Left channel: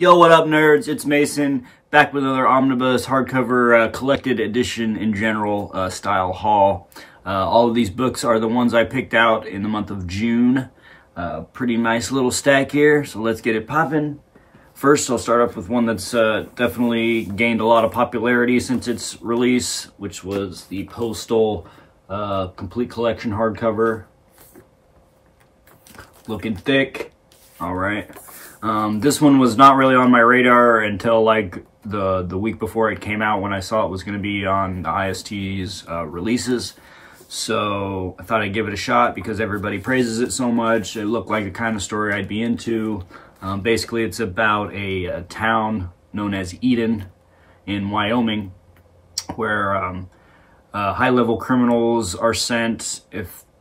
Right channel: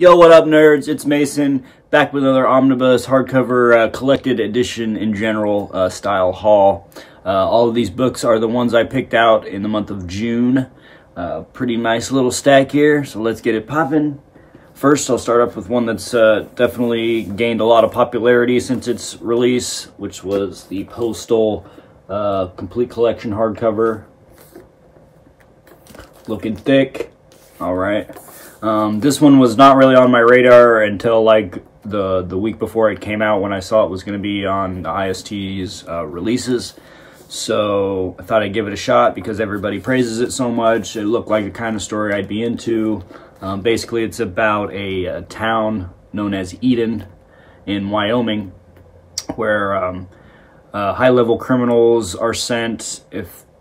Yo, what up, nerds? It's Mason, back with another Omnibus hardcover collected edition in general style haul. All of these books are the ones I picked out in the month of June. Pretty nice little stack here, so let's get it popping. First, I'll start off with one that's definitely gained a lot of popularity since its release, which was the Postal Complete Collection hardcover. Looking thick. All right. This one was not really on my radar until like the week before it came out, when I saw it was going to be on the IST's releases. So I thought I'd give it a shot because everybody praises it so much. It looked like the kind of story I'd be into. Basically, it's about a town known as Eden in Wyoming, where high-level criminals are sent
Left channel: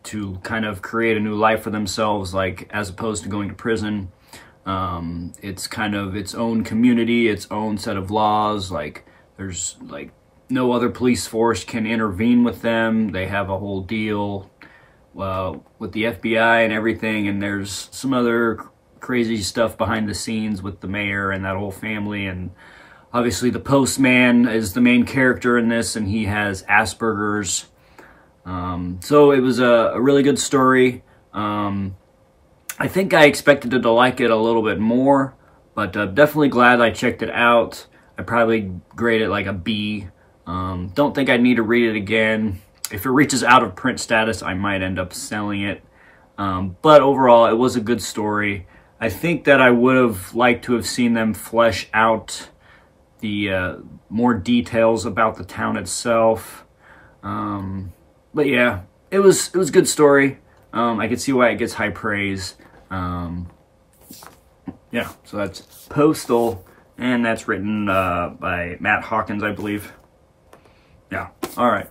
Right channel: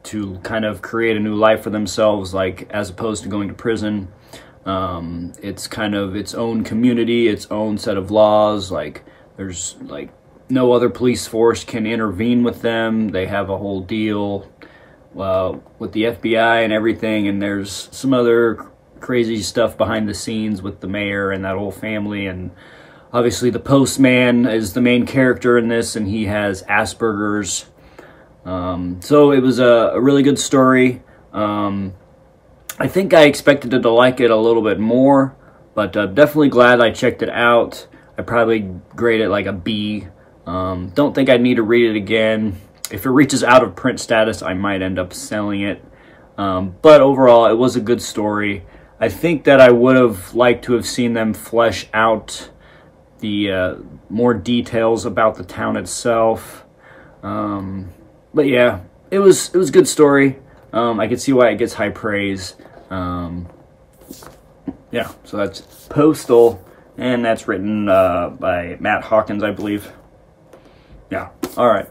to kind of create a new life for themselves, like as opposed to going to prison. It's kind of its own community, its own set of laws. Like there's like no other police force can intervene with them. They have a whole deal with the FBI and everything. And there's some other crazy stuff behind the scenes with the mayor and that whole family. And obviously the postman is the main character in this, and he has Asperger's. So it was a really good story. I think I expected to like it a little bit more, but definitely glad I checked it out. I'd probably grade it like a B. Don't think I need to read it again. If it reaches out of print status, I might end up selling it. But overall, it was a good story. I think that I would have liked to have seen them flesh out the more details about the town itself. But yeah, it was a good story. I could see why it gets high praise. Yeah, so that's Postal, and that's written by Matt Hawkins, I believe. Yeah, all right.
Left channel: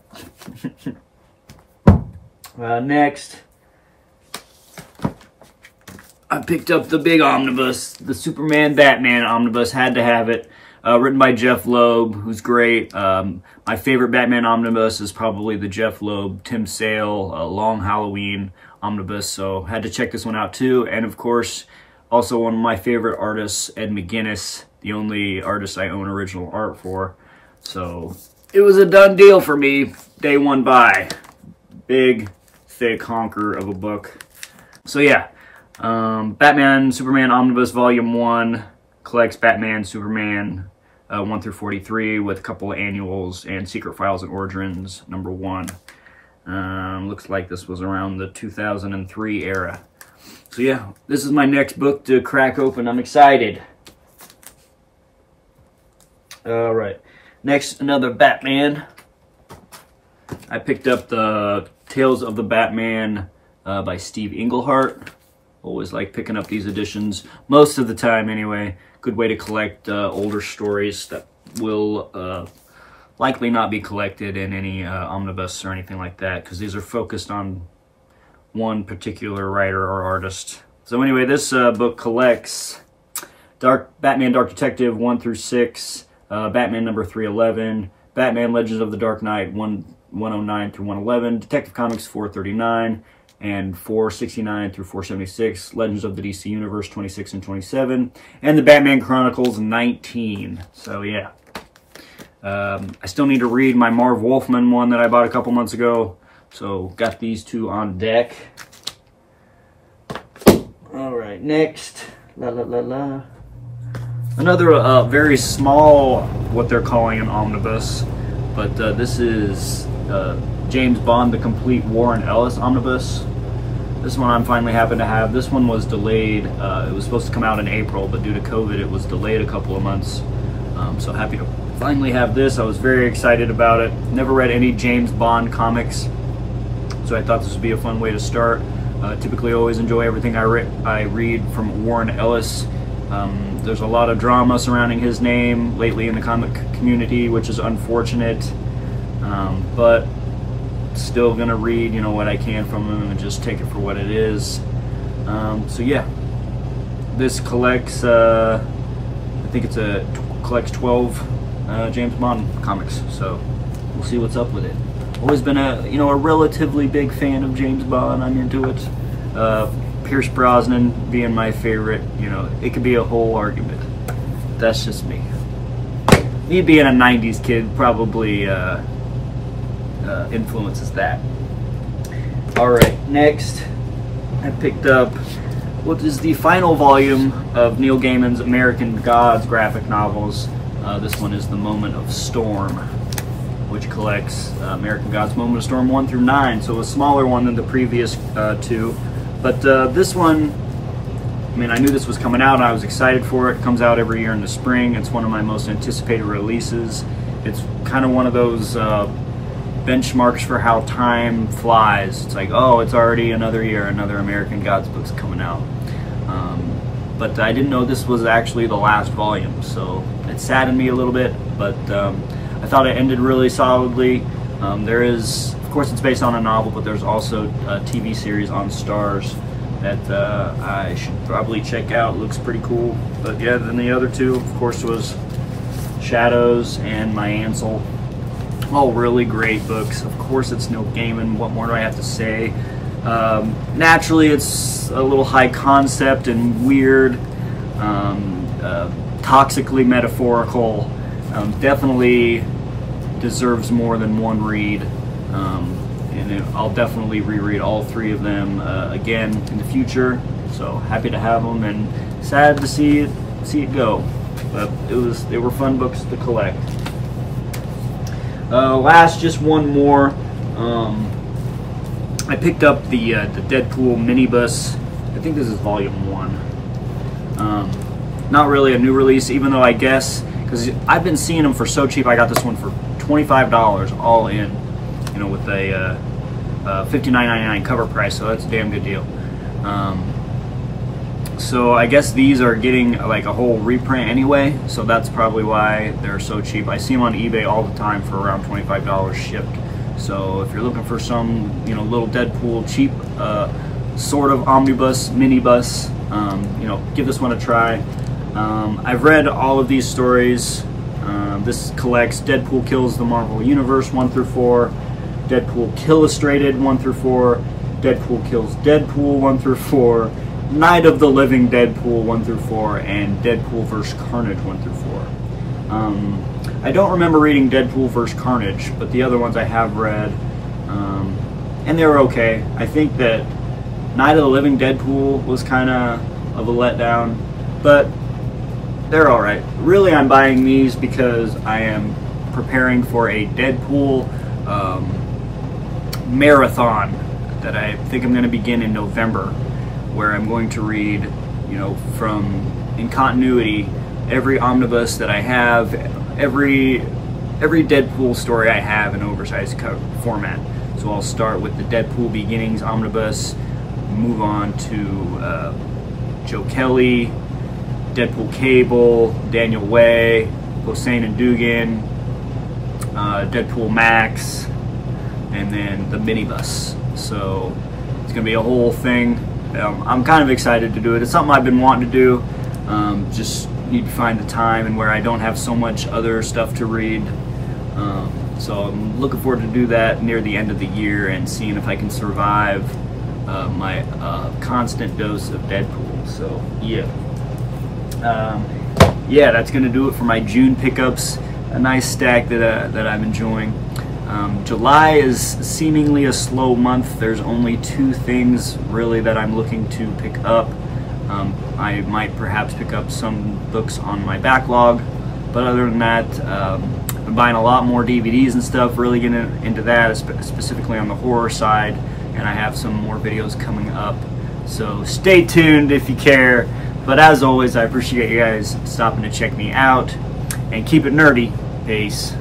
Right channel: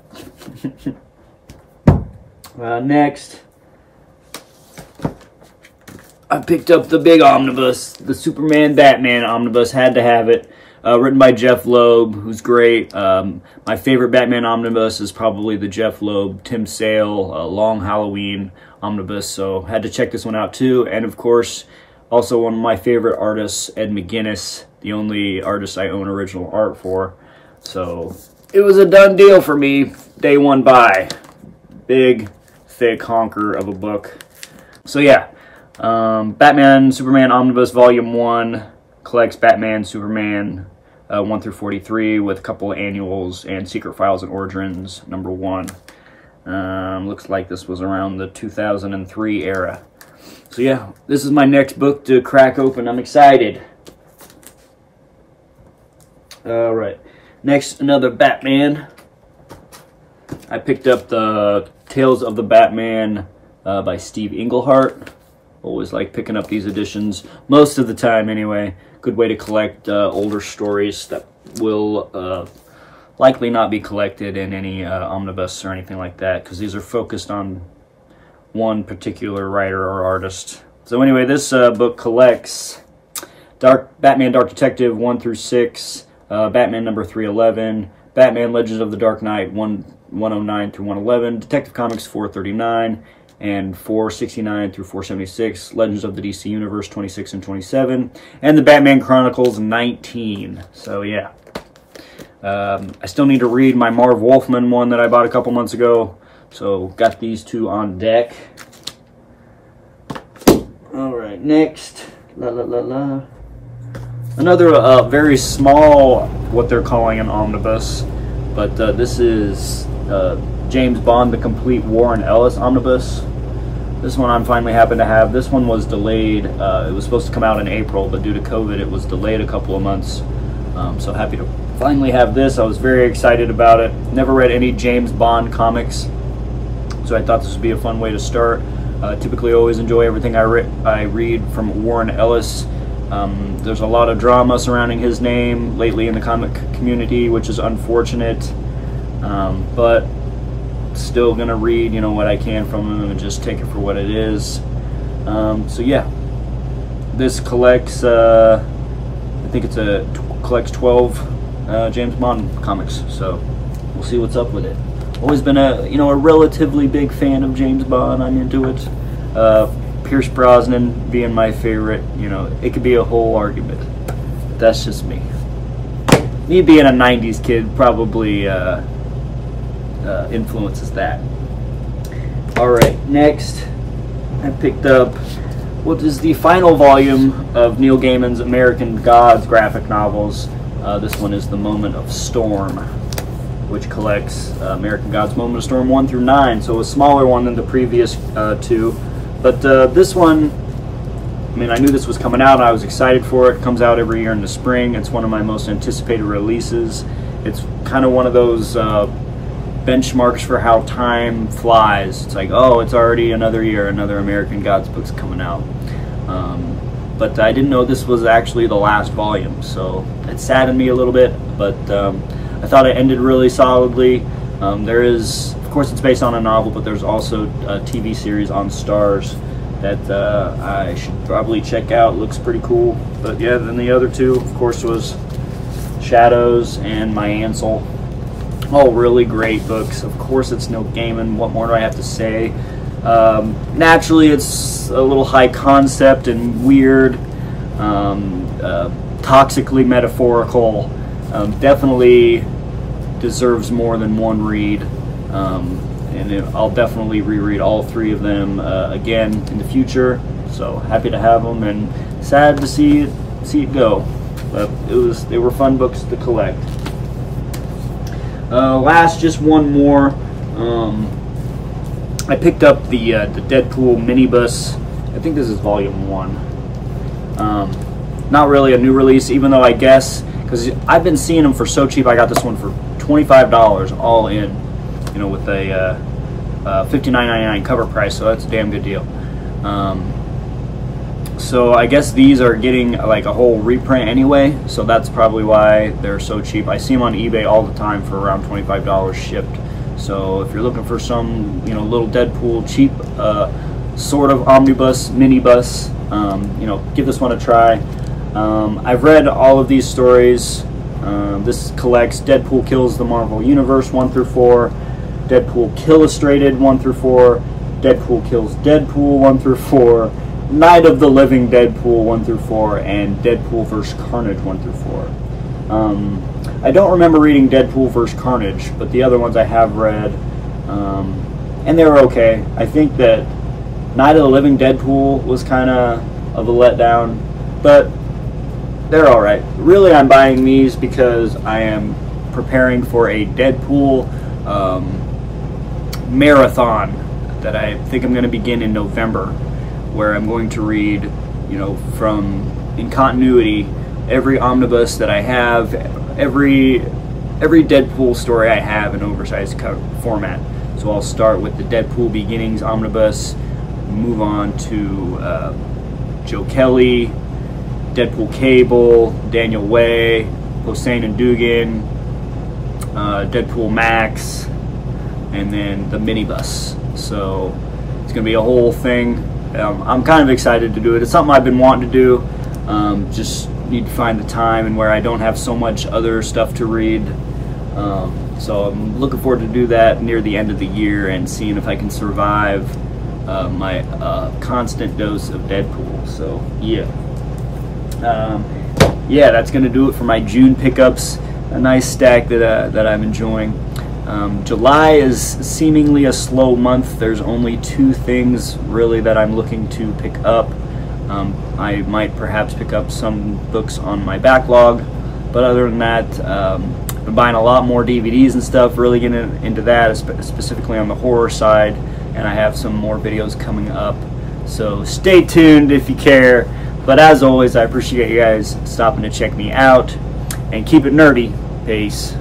Next, I picked up the big omnibus, the Superman Batman omnibus. Had to have it. Written by Jeff Loeb, who's great. My favorite Batman omnibus is probably the Jeff Loeb, Tim Sale, Long Halloween omnibus, so had to check this one out too. And of course, also one of my favorite artists, Ed McGuinness, the only artist I own original art for. So it was a done deal for me, day one buy. Big, thick honker of a book. So yeah, Batman Superman Omnibus Volume 1 collects Batman, Superman 1 through 43 with a couple of annuals and Secret Files and Origins number 1. Looks like this was around the 2003 era. So yeah, this is my next book to crack open. I'm excited. All right, next, another Batman. I picked up the Tales of the Batman by Steve Englehart. Always like picking up these editions, most of the time anyway. Good way to collect older stories that will likely not be collected in any omnibus or anything like that, because these are focused on one particular writer or artist. So anyway, this book collects Batman Dark Detective 1 through 6, Batman number 311, Batman Legends of the Dark Knight 109 through 111, Detective Comics 439, and 469 through 476, Legends of the DC Universe 26 and 27, and the Batman Chronicles 19. So yeah. I still need to read my Marv Wolfman one that I bought a couple months ago, so got these two on deck. All right, next, another very small, what they're calling an omnibus, but this is James Bond: The Complete Warren Ellis omnibus. This one I'm finally happy to have. This one was delayed. It was supposed to come out in April, but due to COVID, it was delayed a couple of months. So happy to finally have this. I was very excited about it. Never read any James Bond comics, so I thought this would be a fun way to start. Typically always enjoy everything I read from Warren Ellis. There's a lot of drama surrounding his name lately in the comic community, which is unfortunate, but still gonna read, you know, what I can from him and just take it for what it is. So yeah, this collects, I think it's collects 12 James Bond comics, so we'll see what's up with it. Always been a relatively big fan of James Bond. I'm into it. Pierce Brosnan being my favorite, it could be a whole argument. that's just me. Me being a 90s kid probably influences that. Alright, next I picked up what is the final volume of Neil Gaiman's American Gods graphic novels. This one is The Moment of Storm, which collects American Gods Moment of Storm 1 through 9, so a smaller one than the previous two. But this one, I mean, I knew this was coming out, and I was excited for it. It comes out every year in the spring. It's one of my most anticipated releases. It's kind of one of those benchmarks for how time flies. It's like, oh, it's already another year, another American Gods book's coming out. But I didn't know this was actually the last volume, so it saddened me a little bit, but I thought it ended really solidly. There is, of course, it's based on a novel, but there's also a TV series on Stars that I should probably check out. It looks pretty cool. But yeah, then the other two, of course, was Shadows and My Ansel. All really great books. Of course, it's Neil Gaiman. What more do I have to say? Naturally, it's a little high concept and weird, toxically metaphorical. Definitely deserves more than one read, and I'll definitely reread all three of them again in the future. So happy to have them, and sad to see it go. But they were fun books to collect. Last, just one more. I picked up the Deadpool minibus. I think this is volume 1. Not really a new release, even though I guess, because I've been seeing them for so cheap. I got this one for $25 all in, you know, with a $59.99 cover price, so that's a damn good deal. So I guess these are getting like a whole reprint anyway, so that's probably why they're so cheap. I see them on eBay all the time for around $25 shipped. So if you're looking for some, you know, little Deadpool cheap sort of omnibus, minibus, you know, give this one a try. I've read all of these stories. This collects Deadpool Kills the Marvel Universe 1 through 4, Deadpool Killustrated 1 through 4, Deadpool Kills Deadpool 1 through 4, Night of the Living Deadpool 1 through 4, and Deadpool vs. Carnage 1 through 4. I don't remember reading Deadpool vs. Carnage, but the other ones I have read, and they were okay. I think that Night of the Living Deadpool was kind of a letdown, but they're alright. Really, I'm buying these because I am preparing for a Deadpool marathon that I think I'm going to begin in November, where I'm going to read, you know, in continuity, every omnibus that I have, every Deadpool story I have in oversized format. So I'll start with the Deadpool Beginnings omnibus, move on to Joe Kelly, Deadpool Cable, Daniel Way, Hossein and Dugan, Deadpool Max, and then the minibus. So it's gonna be a whole thing. I'm kind of excited to do it. It's something I've been wanting to do. Just need to find the time and where I don't have so much other stuff to read. So I'm looking forward to do that near the end of the year and seeing if I can survive my constant dose of Deadpool. So yeah. Yeah, that's gonna do it for my June pickups. A nice stack that I'm enjoying. July is seemingly a slow month. There's only 2 things really that I'm looking to pick up. I might perhaps pick up some books on my backlog, but other than that, I've been buying a lot more DVDs and stuff, really getting into that, specifically on the horror side, and I have some more videos coming up. So stay tuned if you care. But as always, I appreciate you guys stopping to check me out, and keep it nerdy. Peace.